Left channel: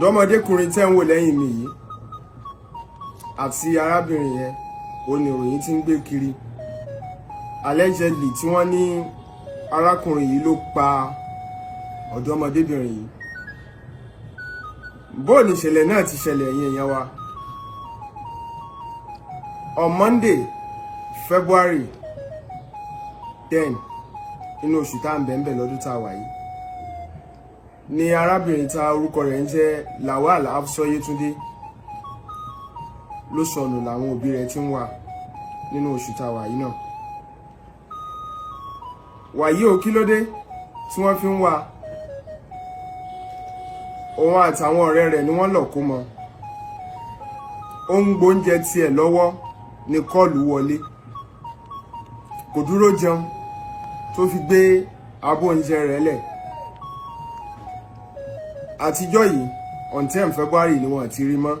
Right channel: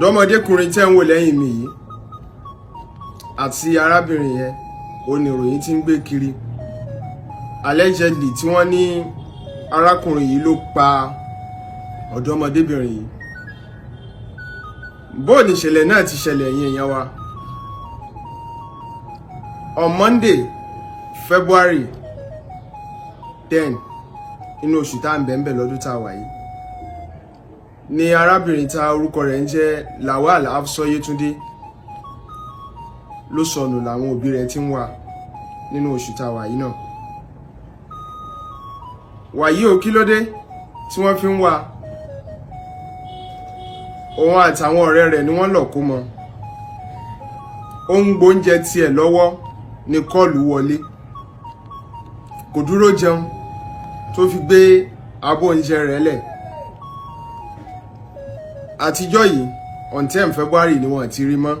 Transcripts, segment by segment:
ọ̀dọ́mọdékùnrin tẹ́ ń wò lẹ́yìn mi yìí àti arábìnrin yẹn oníròyìn tí ń gbé kiri allegedly tí wọ́n ní arákùnrin yìí ló pa ọ̀dọ́mọdébìnrin yìí. bóò ní ìṣẹ̀lẹ̀ náà ti ṣẹlẹ̀ yín èèyàn wa. On Monday, February 10 inú oṣù tá ń bẹ̀ẹ̀ lọ́dún tá wà yìí ni arábìnrin tá orúkọ rẹ̀ ń jẹ́ Lawal Hafsoh Yetunde ló sọnù làwọn òbí rẹ̀ ti ń wá nínú oṣù tá wà yìí náà. wàyí ò kí ló dé tí wọ́n fi ń wá? òun àtàwọn ọ̀rẹ́ rẹ̀ ni wọ́n lọ kó mọ́. ó ń gbóúnjẹ tiẹ̀ lọ́wọ́ ní kọ́ọ̀lù wọlé, kò dúró jẹun tó fi gbé abọ́ oúnjẹ rẹ̀ lẹ̀. àtijọ́ yìí on 10 February ni wọ́n ti rí mọ́.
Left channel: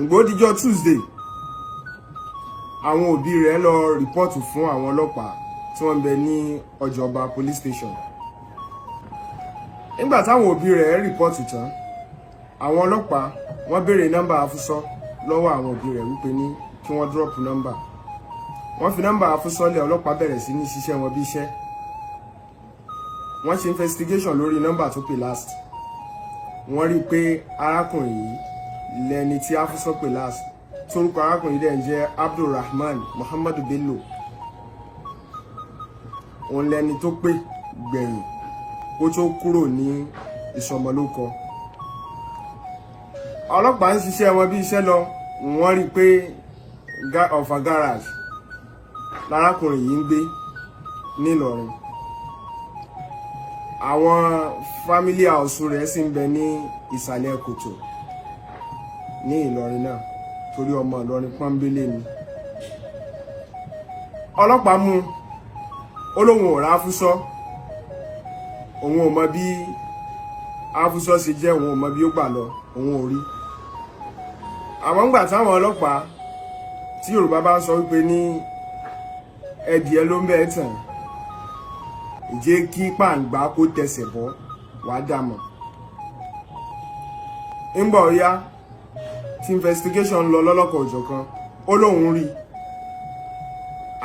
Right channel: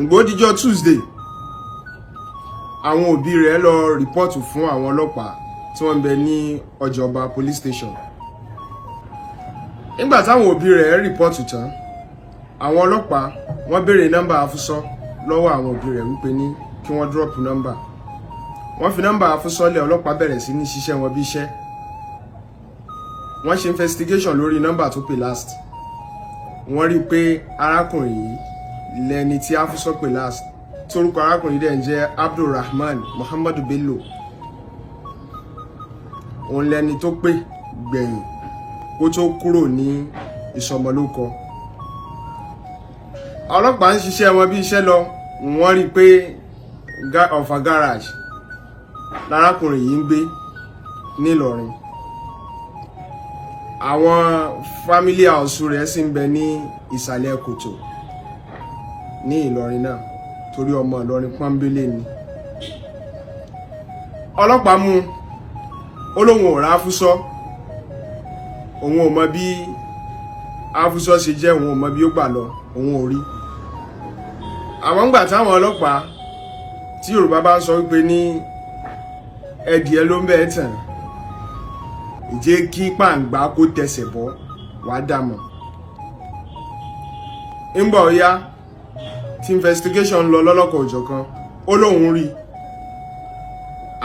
ìgbòdìjọ́ Tuesday àwọn òbí rẹ̀ lọ rìpọ́ọ̀tù fún àwọn ọlọ́pàá tí wọ́n ń bẹ ní Ọjà Ọba police station. nígbà táwọn òbí rẹ̀ rìpọ́ọ̀tù tán, àwọn ọlọ́pàá wọ́n béèrè nọ́mbà Hafsat lọ́wọ́ àwọn òbí rẹ̀ wípé ní kí wọ́n drop nọ́mbà. wọ́n fi nọ́mbà Hafsat lẹ̀, ọlọ́pàá bẹ̀rẹ̀ sí ní ṣiṣẹ́ wọn bí iṣẹ́. wọ́n ṣe investigation lórí nọ́mbà tó pè last. wọ́n rí i pé arákùnrin yìí lẹni tí Hafsat pè last, torúkọ arákùnrin dẹ̀ ń jẹ́ Abdulrahman Mohad Ballo. òun lẹni tó pè gbẹ̀yìn kó tó kúrò ní ìsọmọlórúkọ. ọlọ́pàá ń ṣiṣẹ́ wọn bí iṣẹ́ lọ, wọ́n rí i pé Offa Garage lárákùnrin yìí ń gbé ní Ilorin. àwọn family house rẹ̀ sì ń bẹ ní Isalekoto ní Ilorin náà, torí ọmọ Ilorin pọ́nbélé ni. ọlọ́pàá mú ó lóun ò rá Hafsat, òun ò mọ bí Hafsat ṣe jẹ́, òun ò mọ bí ó gbà lọ, òun ò rí. àwọn ń gbà táwọn ọlọ́pàá tí Yorùbá bá ń sọ wípé ní ẹdìẹ ló ń bẹ tàn, ìjẹ́ kí pàǹgbá kó tẹsẹ̀ bọ́ wàá dàmọ̀. ń bọ̀ ya tí investigation lọ lọ́lọ́kan òjọ̀kan, ó lóun rí,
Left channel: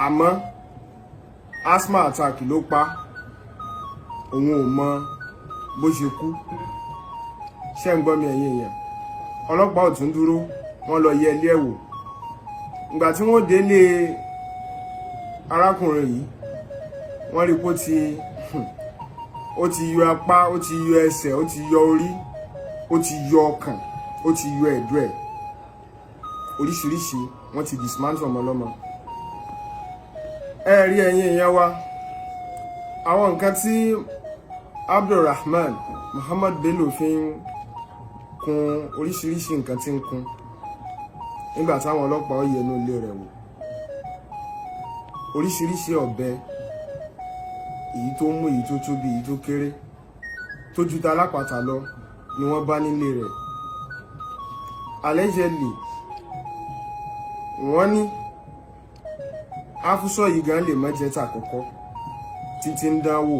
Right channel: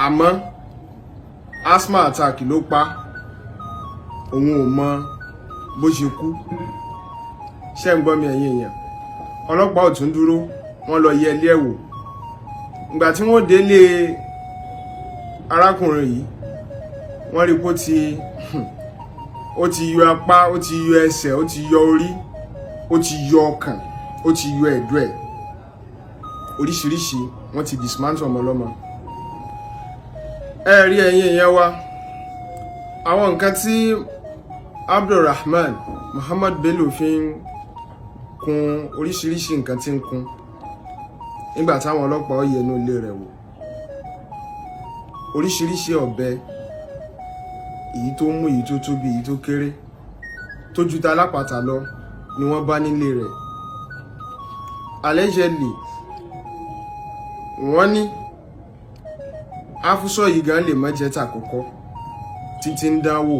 àmọ́ asthma attack ló pa, òun ò mọ bó ṣe kú. ṣé ń gbọ́ mi ẹ̀yin èèyàn? ọlọ́pàá ò tún dúró, wọ́n lọ yẹ ilé ẹ̀ wò. ìgbà tí wọ́n délé arákùnrin yìí, wọ́n rí pé ó ti yọ apá, ó ti yọ ẹsẹ̀, ó ti yọ orí, ó ti yọ ọkàn, ó ti yọ ẹ̀dọ̀ ẹ̀, oríṣiríṣi wọ́n ti dismantle ọmọ ọlọ́mọ. ẹ rí ẹ̀yin èèyàn wa, àwọn nǹkan tí Abdulrahman Mohad Ballo fi ń kun oríṣiríṣi nǹkan tí ń kun nígbà táwọn ọlọ́pàá yẹ inú ilé rẹ̀ wò. oríṣiríṣi ọ̀bẹ, èyí tó mú, èyí tó tóbi, èyí tó kéré, tó ju ta alápàtà lọ ni wọ́n bá nílé rẹ̀. allegedly wọ́n ní Hafsat yìí gan lè má jẹ́ tàkọ́kọ́ títí ń dánwò,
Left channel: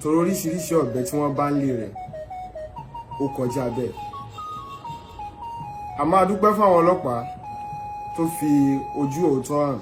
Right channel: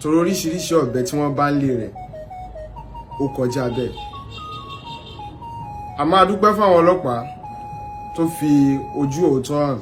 torí oríṣiríṣi ọ̀bẹ tí wọ́n bá ń lé rẹ̀ ó kọjá bẹ́ẹ̀. a máa dúpẹ́ fáwọn ọlọ́pàá tó fi ojú òótọ́ hàn